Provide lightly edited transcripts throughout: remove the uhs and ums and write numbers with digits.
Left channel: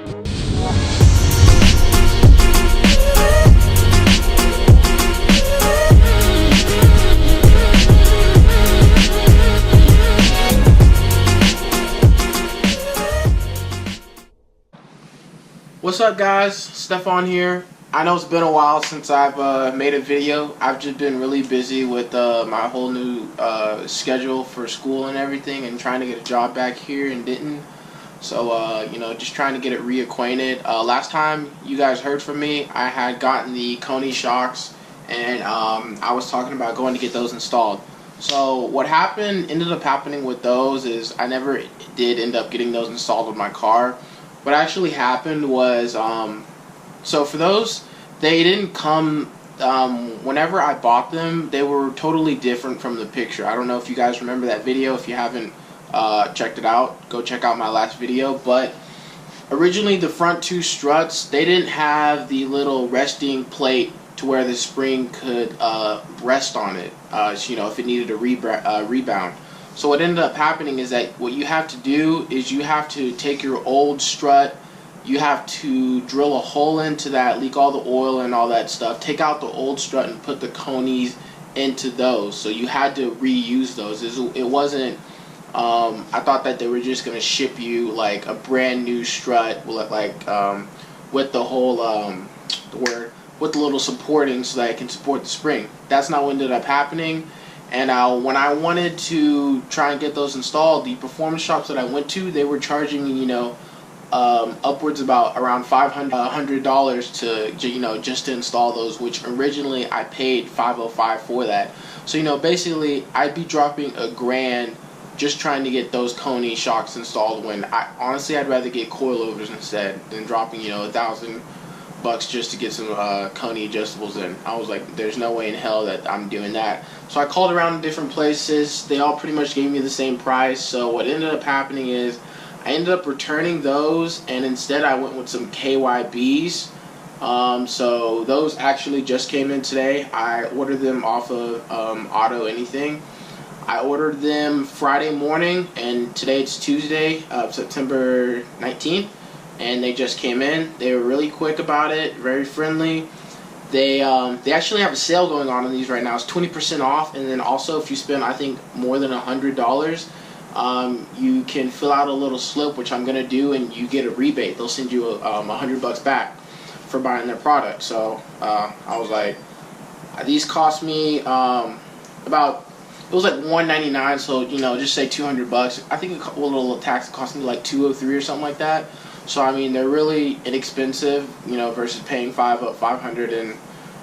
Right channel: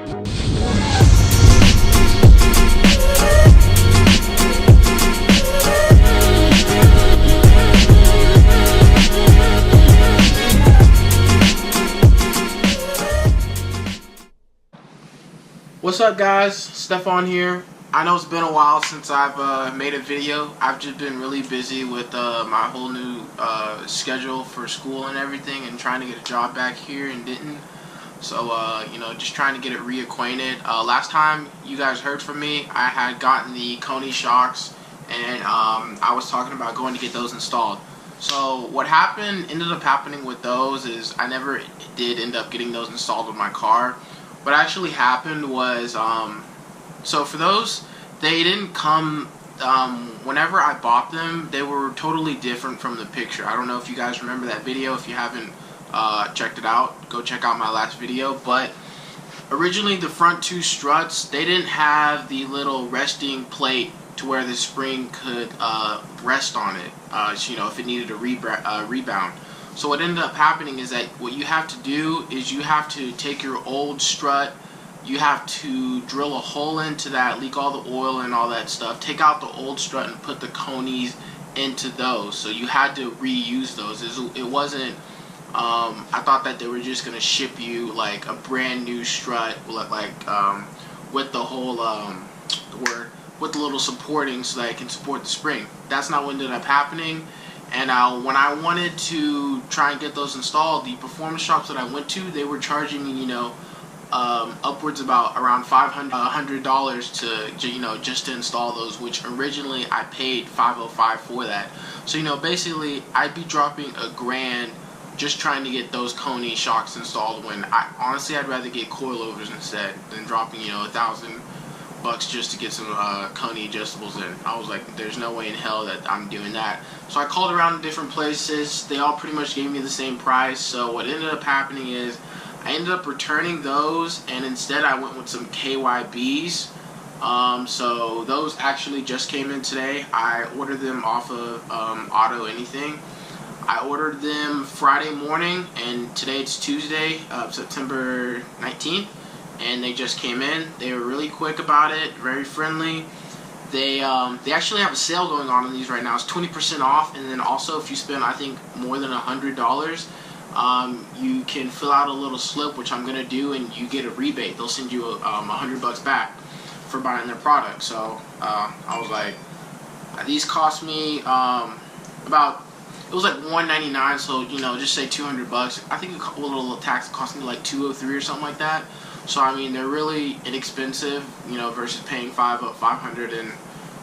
What's up, guys? Stefan here. I know it's been a while since I've made a video. I've just been really busy with my whole new schedule for school and everything, and trying to get a job back here in Denton. So you know, just trying to get it reacquainted. Last time you guys heard from me, I had gotten the Koni Shocks, and I was talking about going to get those installed. So what ended up happening with those is I never did end up getting those installed with my car. What actually happened was, so for those, they didn't come, whenever I bought them, they were totally different from the picture. I don't know if you guys remember that video. If you haven't checked it out, go check out my last video. But originally the front two struts, they didn't have the little resting plate to where the spring could rest on it, so, you know, if it needed a rebound. So what ended up happening is that what you have to do is you have to take your old strut, you have to drill a hole into that, leak all the oil and all that stuff, take out the old strut and put the Konis into those. So you had to reuse those. It wasn't, I thought that they were just going to ship you like a brand new strut, like with the whole, with the little supporting so that it can support the spring. That's not what ended up happening. And when I wanted to try and get those installed, the performance shops that I went to, they were charging me, you know, upwards about around $100 to, you know, just to install those, which originally I paid $505 for that. So, you know, basically I'd be dropping $1,000 just trying to get those Koni Shocks installed, when honestly I'd rather get coilovers instead than dropping, you know, $1,000 just to get some Koni adjustables in. I was like, there's no way in hell that I'm doing that. So I called around different places. They all pretty much gave me the same price. So what ended up happening is I ended up returning those, and instead I went with some KYBs. So those actually just came in today. I ordered them off of Auto Anything. I ordered them Friday morning, and today it's Tuesday, September 19th. And they just came in. They were really quick about it, very friendly. They actually have a sale going on these right now. It's 20% off, and then also if you spend, I think, more than $100, you can fill out a little slip, which I'm gonna do, and you get a rebate. They'll send you $100 back for buying their product. So I was like, these cost me about. It was like $199, so you know, just say $200. I think a little tax cost me like $203 or something like that. So I mean, they're really inexpensive, you know, versus paying $500 and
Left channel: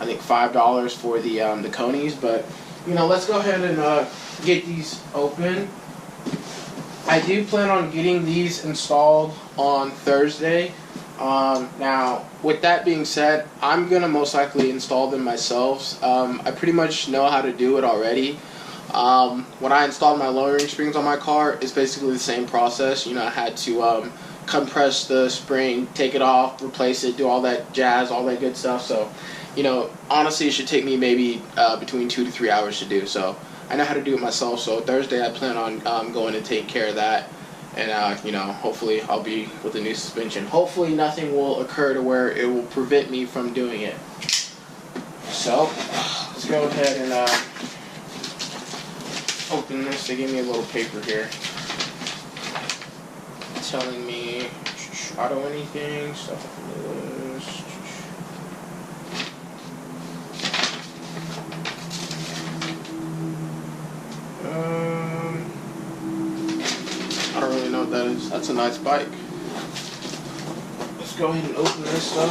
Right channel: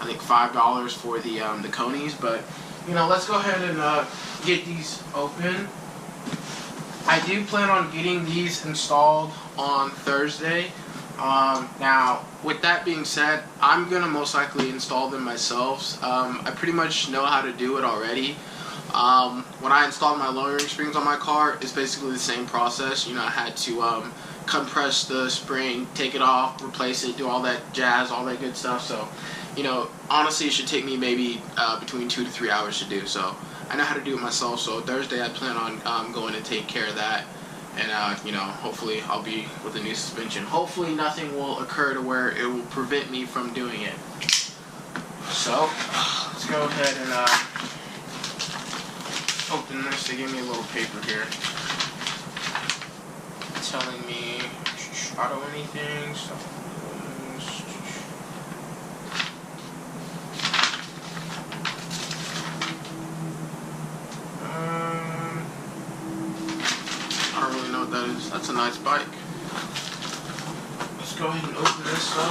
I think $5 for the Konis. But you know, let's go ahead and get these open. I do plan on getting these installed on Thursday. Now, with that being said, I'm gonna most likely install them myself. I pretty much know how to do it already. When I installed my lowering springs on my car, it's basically the same process. You know, I had to compress the spring, take it off, replace it, do all that jazz, all that good stuff. So, you know, honestly, it should take me maybe between 2 to 3 hours to do. So I know how to do it myself. So Thursday, I plan on going to take care of that, and you know, hopefully I'll be with the new suspension. Hopefully nothing will occur to where it will prevent me from doing it. So let's go ahead and open this. They gave me a little paper here telling me Auto Anything, stuff like this. I don't really know what that is. That's a nice bike. Let's go ahead and open this up.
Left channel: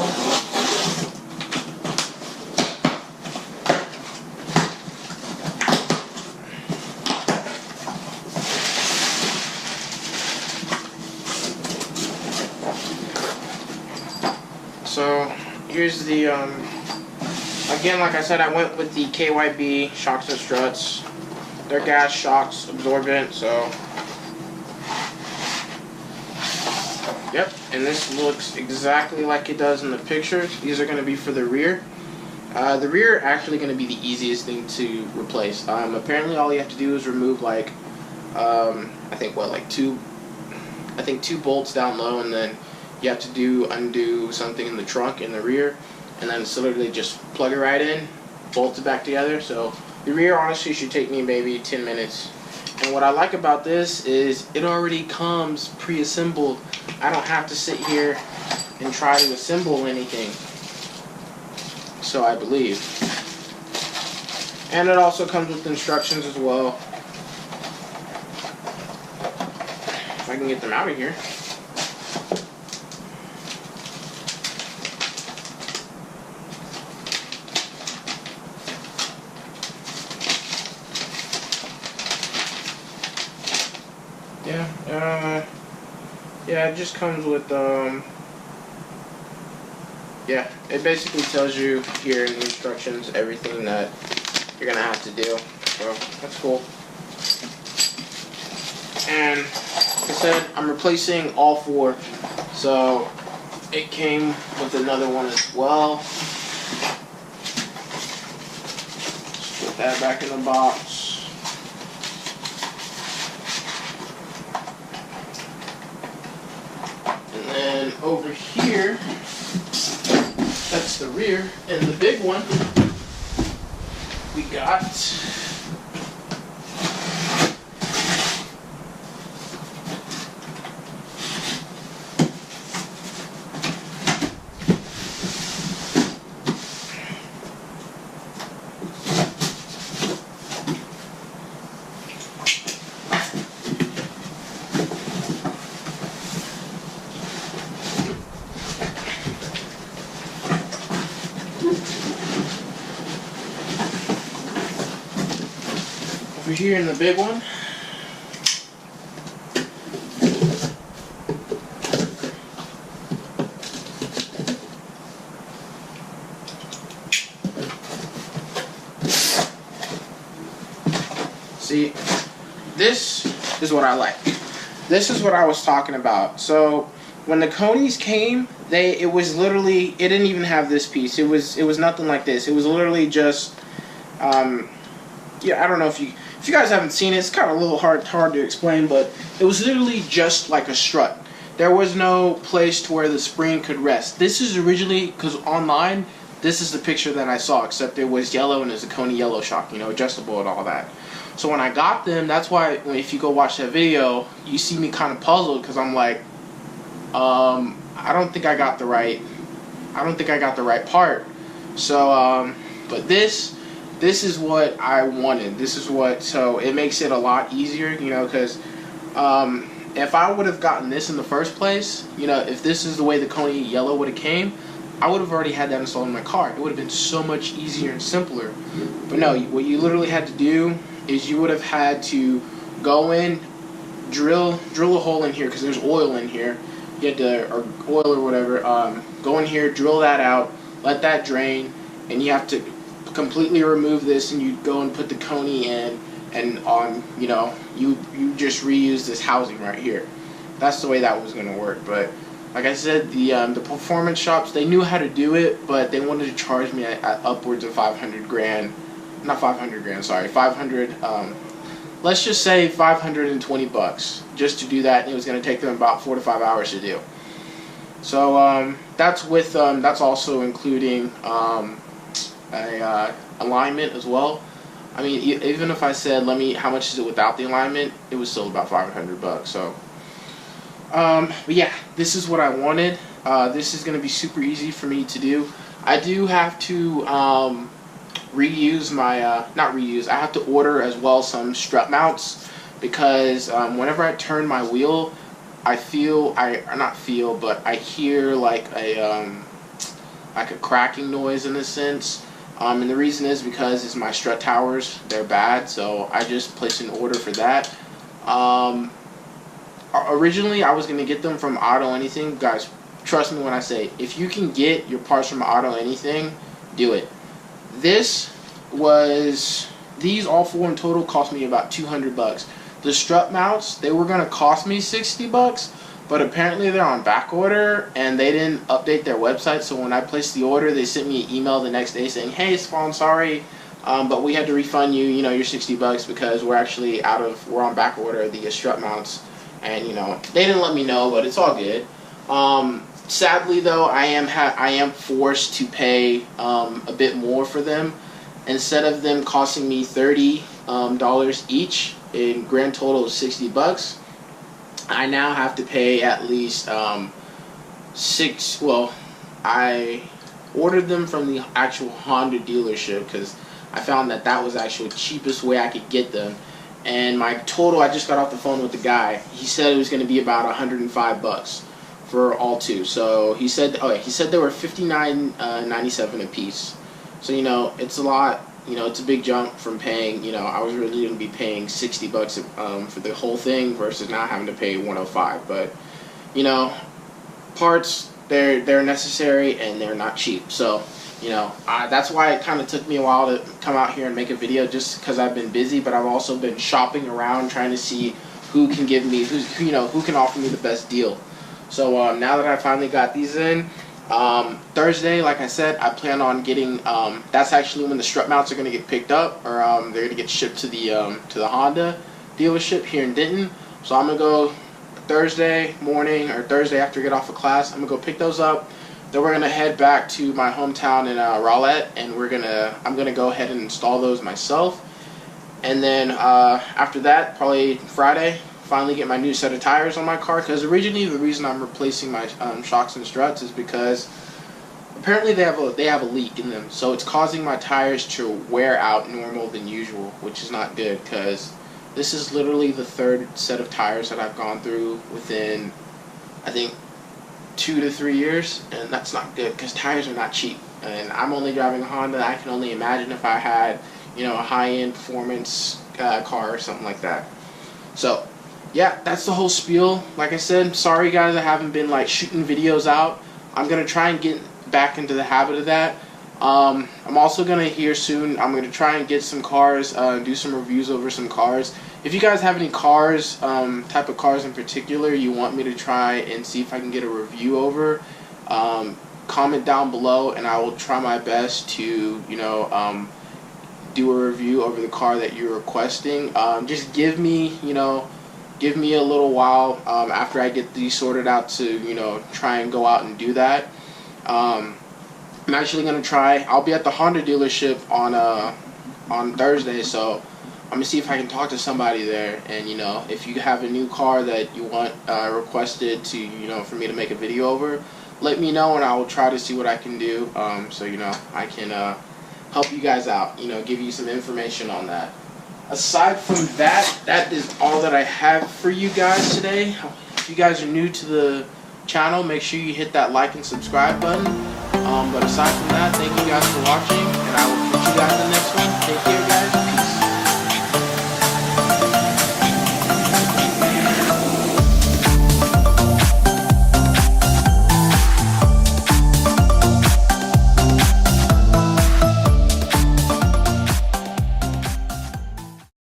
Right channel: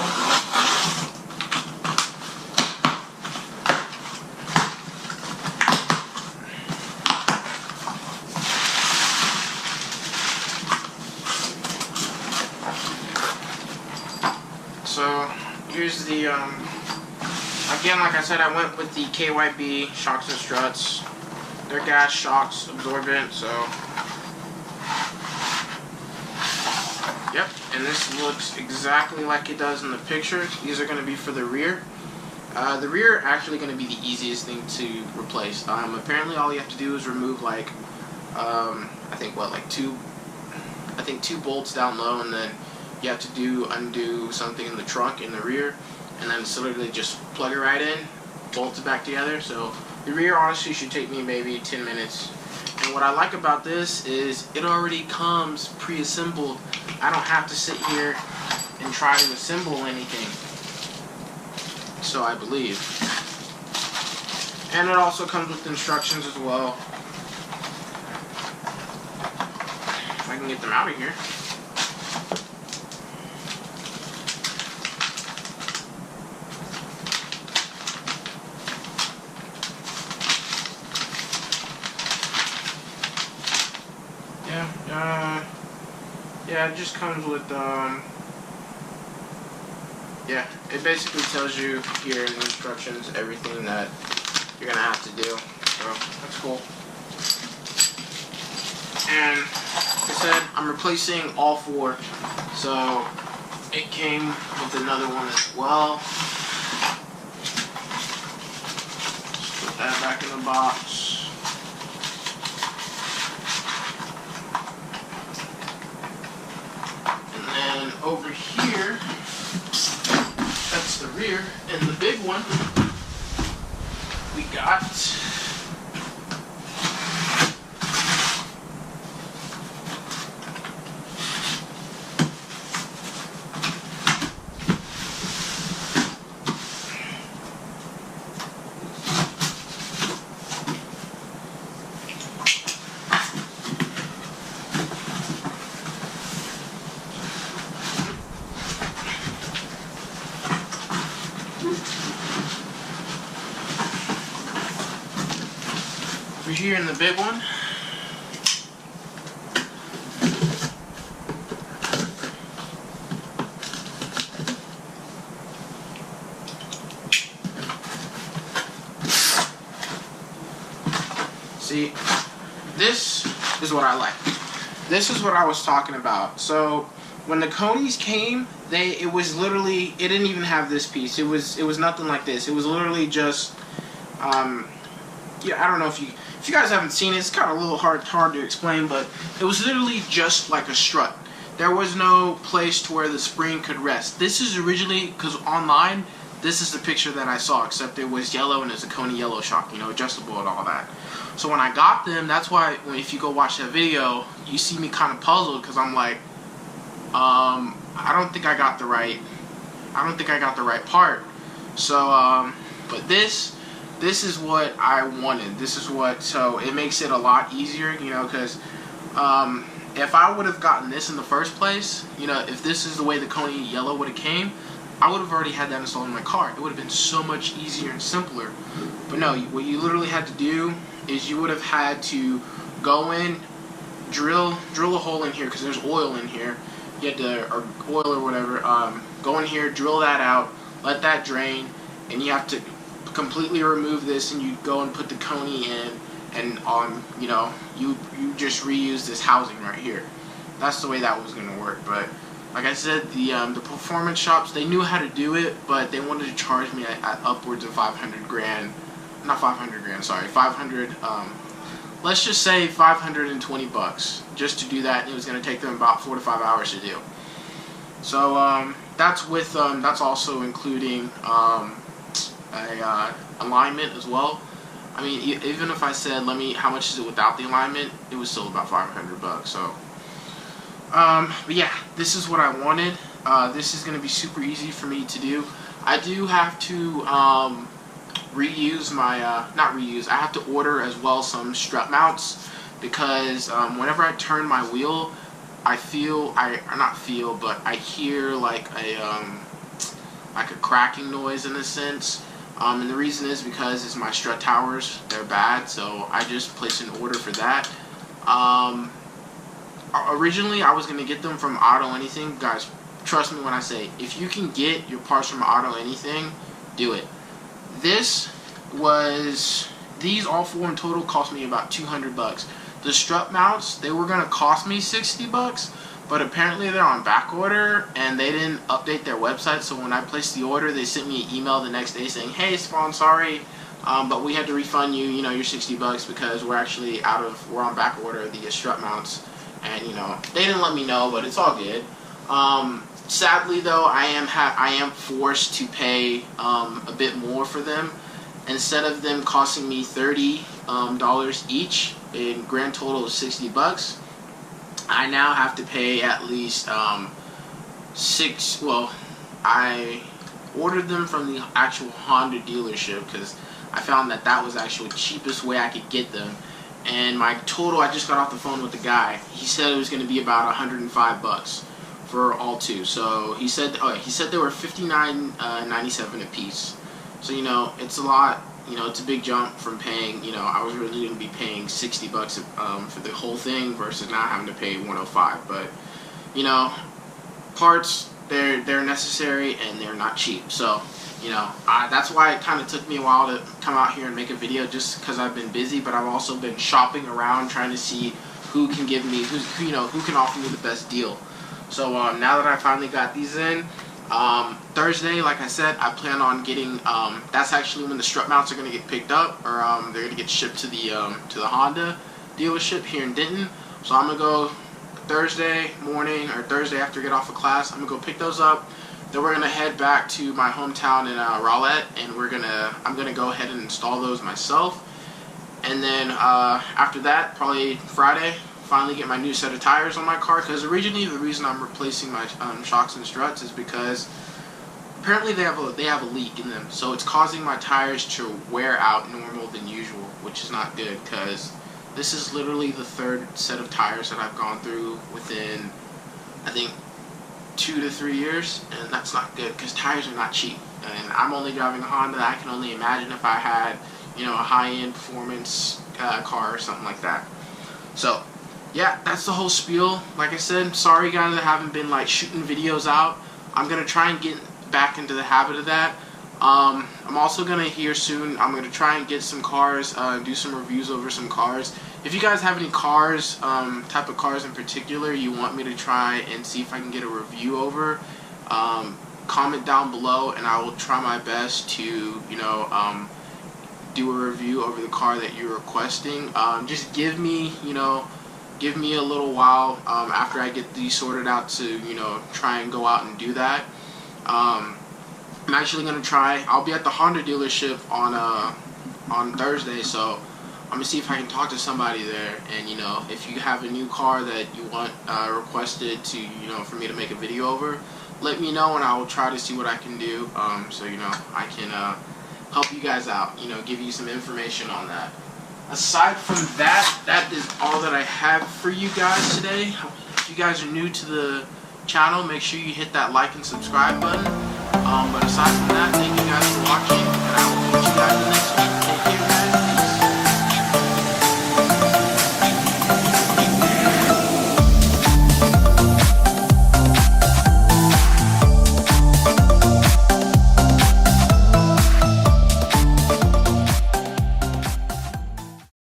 So here's the, again, like I said, I went with the KYB shocks and struts. They're gas shocks absorbent, so, yep, and this looks exactly like it does in the picture. These are going to be for the rear. The rear are actually going to be the easiest thing to replace. Apparently all you have to do is remove like, I think two bolts down low, and then you have to undo something in the trunk in the rear, and then it's literally just plug it right in, bolt it back together. So the rear honestly should take me maybe 10 minutes. And what I like about this is it already comes pre-assembled. I don't have to sit here and try to assemble anything. So I believe. And it also comes with instructions as well. If I can get them out of here. Yeah, it just comes with, yeah, it basically tells you here in the instructions everything that you're going to have to do, so that's cool. And like I said, I'm replacing all 4, so it came with another one as well. Just put that back in the box. And over here, that's the rear, and the big one, we got over here in the big one. See, this is what I like. This is what I was talking about. So when the Konis came, it was literally, it didn't even have this piece. It was nothing like this. It was literally just yeah, I don't know if you guys haven't seen it, it's kind of a little hard to explain, but it was literally just like a strut. There was no place to where the spring could rest. This is originally, because online, this is the picture that I saw, except it was yellow and it's a Koni Yellow Shock, you know, adjustable and all that. So when I got them, that's why if you go watch that video, you see me kind of puzzled, because I'm like, I don't think I got the right part. So, but this is what I wanted. This is what, so it makes it a lot easier, you know, because if I would have gotten this in the first place, you know, if this is the way the Koni Yellow would have came, I would have already had that installed in my car. It would have been so much easier and simpler. But no, what you literally had to do is you would have had to go in, drill a hole in here, because there's oil in here. You had to, or oil or whatever, go in here, drill that out, let that drain, and you have to completely remove this, and you go and put the Koni in, and you know, you just reuse this housing right here. That's the way that was going to work. But like I said, the performance shops, they knew how to do it, but they wanted to charge me at upwards of 500 grand. Not 500 grand, sorry, 500, let's just say 520 bucks just to do that, and it was going to take them about 4 to 5 hours to do. So that's with that's also including a alignment as well. I mean, even if I said, how much is it without the alignment, it was still about 500 bucks. So but yeah, this is what I wanted. This is going to be super easy for me to do. I do have to reuse my not reuse, I have to order as well some strut mounts, because whenever I turn my wheel, I hear like a cracking noise in a sense. And the reason is because it's my strut towers, they're bad, so I just placed an order for that. Originally I was going to get them from Auto Anything. Guys, trust me when I say, if you can get your parts from Auto Anything, do it. These all 4 in total cost me about 200 bucks. The strut mounts, they were going to cost me 60 bucks, but apparently they're on back order, and they didn't update their website. So when I placed the order, they sent me an email the next day saying, hey, Spawn, sorry, but we had to refund you, you know, your 60 bucks because we're actually we're on back order, the strut mounts. And, you know, they didn't let me know, but it's all good. Sadly though, I am forced to pay a bit more for them. Instead of them costing me $30 each, in grand total of $60, I now have to pay at least six. Well, I ordered them from the actual Honda dealership because I found that was actually the cheapest way I could get them. And my total, I just got off the phone with the guy. He said it was going to be about $105 for all two. So he said they were $59.97 a piece. So it's a lot. It's a big jump from paying. I was really going to be paying $60 for the whole thing versus now having to pay $105. But parts, they're necessary and they're not cheap. So that's why it kind of took me a while to come out here and make a video, just because I've been busy. But I've also been shopping around trying to see who can give me who can offer me the best deal. So now that I finally got these in, Thursday, like I said, I plan on getting. That's actually when the strut mounts are going to get picked up, or they're going to get shipped to the Honda dealership here in Denton. So I'm gonna go Thursday morning or Thursday after I get off of class. I'm gonna go pick those up. Then we're gonna head back to my hometown in Rowlett, and I'm gonna go ahead and install those myself. And then after that, probably Friday, finally get my new set of tires on my car. Because originally the reason I'm replacing my shocks and struts is because apparently they have a leak in them, so it's causing my tires to wear out more than usual, which is not good. Because this is literally the third set of tires that I've gone through within, I think, 2 to 3 years, and that's not good because tires are not cheap. And I'm only driving a Honda. I can only imagine if I had, a high-end performance car or something like that. So, yeah, that's the whole spiel. Like I said, sorry guys, I haven't been shooting videos out. I'm gonna try and get back into the habit of that. I'm also gonna here soon. I'm gonna try and get some cars, do some reviews over some cars. If you guys have any cars, type of cars in particular, you want me to try and see if I can get a review over, comment down below, and I will try my best to, do a review over the car that you're requesting. Just give me a little while after I get these sorted out to, try and go out and do that. I'm actually gonna try. I'll be at the Honda dealership on Thursday, so I'm gonna see if I can talk to somebody there. And if you have a new car that you want requested to for me to make a video over, let me know and I will try to see what I can do. So I can help you guys out. Give you some information on that. Aside from that, that is all that I have for you guys today. If you guys are new to the channel, make sure you hit that like and subscribe button. But aside from that, thank you guys for watching, and I will catch you guys in the next one.